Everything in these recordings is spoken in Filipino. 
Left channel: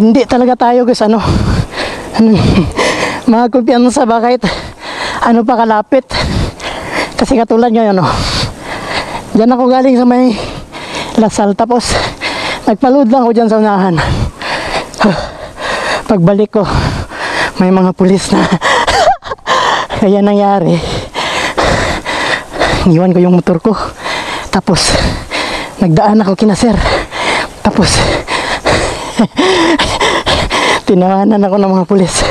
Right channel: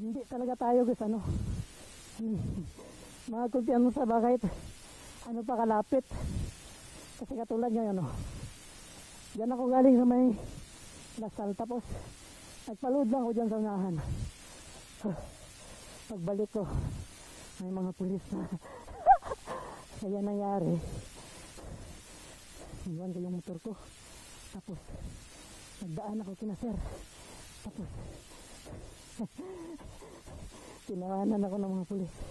Hindi talaga tayo guys, mga kumpiyansa ba kahit ano pa kalapit. Kasi katulad ngayon, dyan ako galing sa may Lasal, tapos nagpa-load lang ako dyan sa unahan. Pagbalik ko, may mga pulis na. Kaya nangyari, iniwan ko yung motor ko, tapos nagdaan ako kina sir, tapos tinawanan ako ng mga pulis.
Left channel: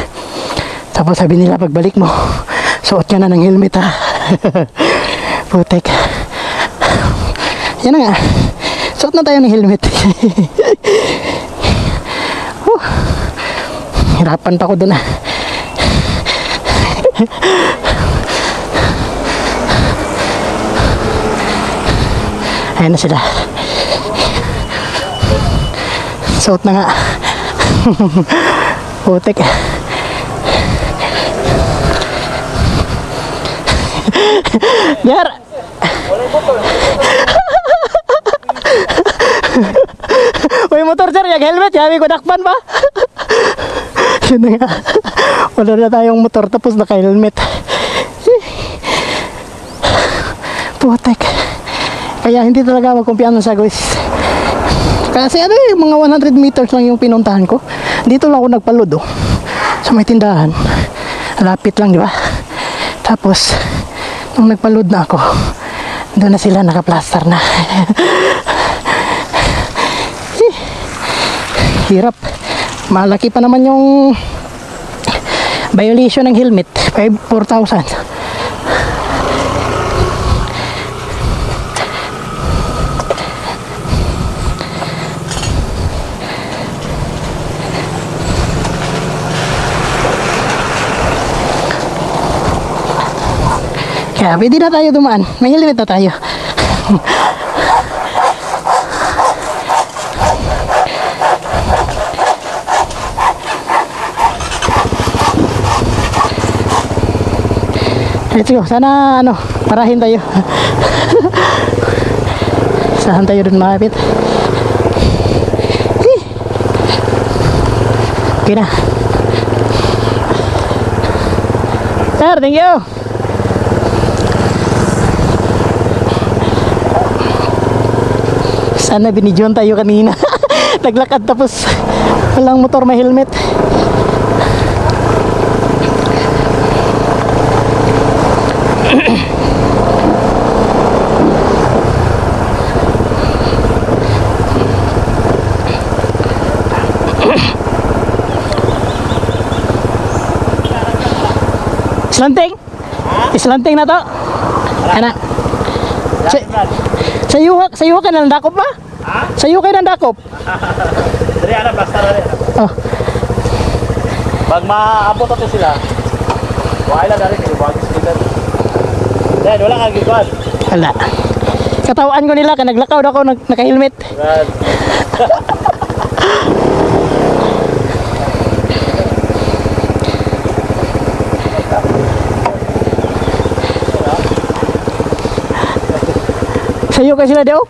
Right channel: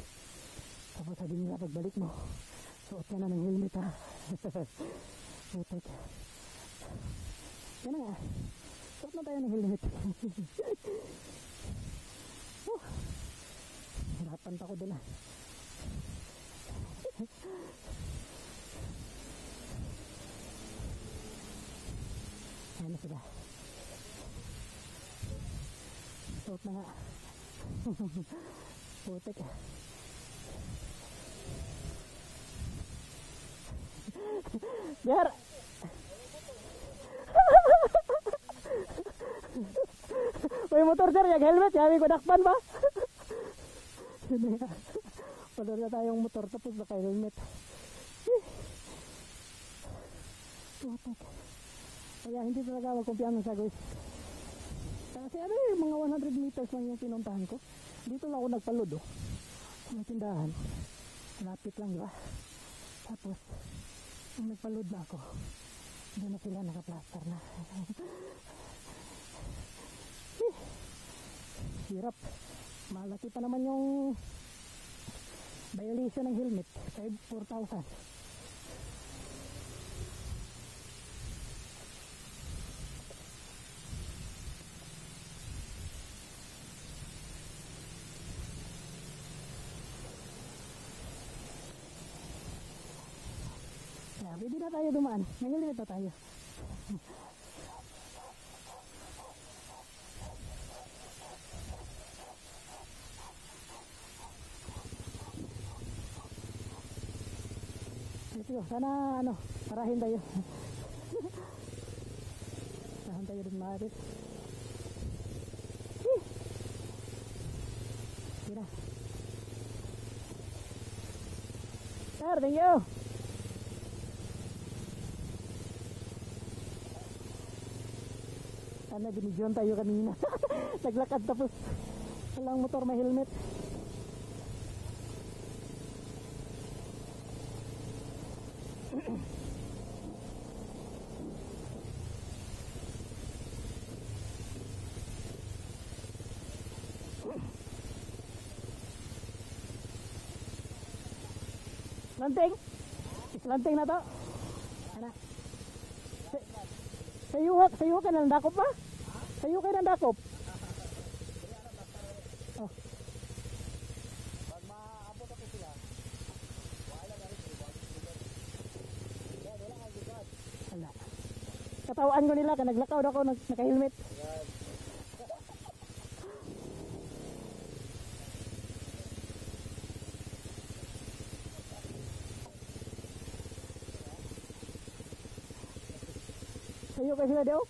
Tapos sabi nila, pagbalik mo, suot ka na ng helmet ha. Putek. Yan na nga, suot na tayo ng helmet. Hirapan pa ako dun Ayan na sila. Suot na nga. Putek. Biar. Uy, motor sir, yung helmet, sabi ko dakpan pa. Yun na nga. Wala na tayong motor tapos naka-helmet. Putek. Kaya hindi talaga magkumpiyansa guys. Kasi mga 100 meters lang yung pinuntahan ko. Dito lang ako nagpalod sa may tindahan. Lapit lang, di ba? Tapos nung nagpalod na ako, doon na sila naka-plaster na. Hirap. Malaki pa naman yung violation ng helmet, 4,000. Kaya pwede na tayo dumaan. May helmet na tayo. Let's go. Sana parahin tayo. Saan tayo dun makapit? Okay na. Sir, thank you. Sana binidyoan tayo kanina. Naglakad tapos walang motor, may helmet. Islanting? Islanting na to? Ana. Sayo ka ng dakop ba? Ha? Sayo kayo ng dakop? Dari ana plaster dari. Oh. Pag maabot ato sila. Wala dari kay bagis kita. Dahil wala kang gikuan. Wala. Katawaan ko nila naglakaw ako naka-helmet. Sayo ka sila daw?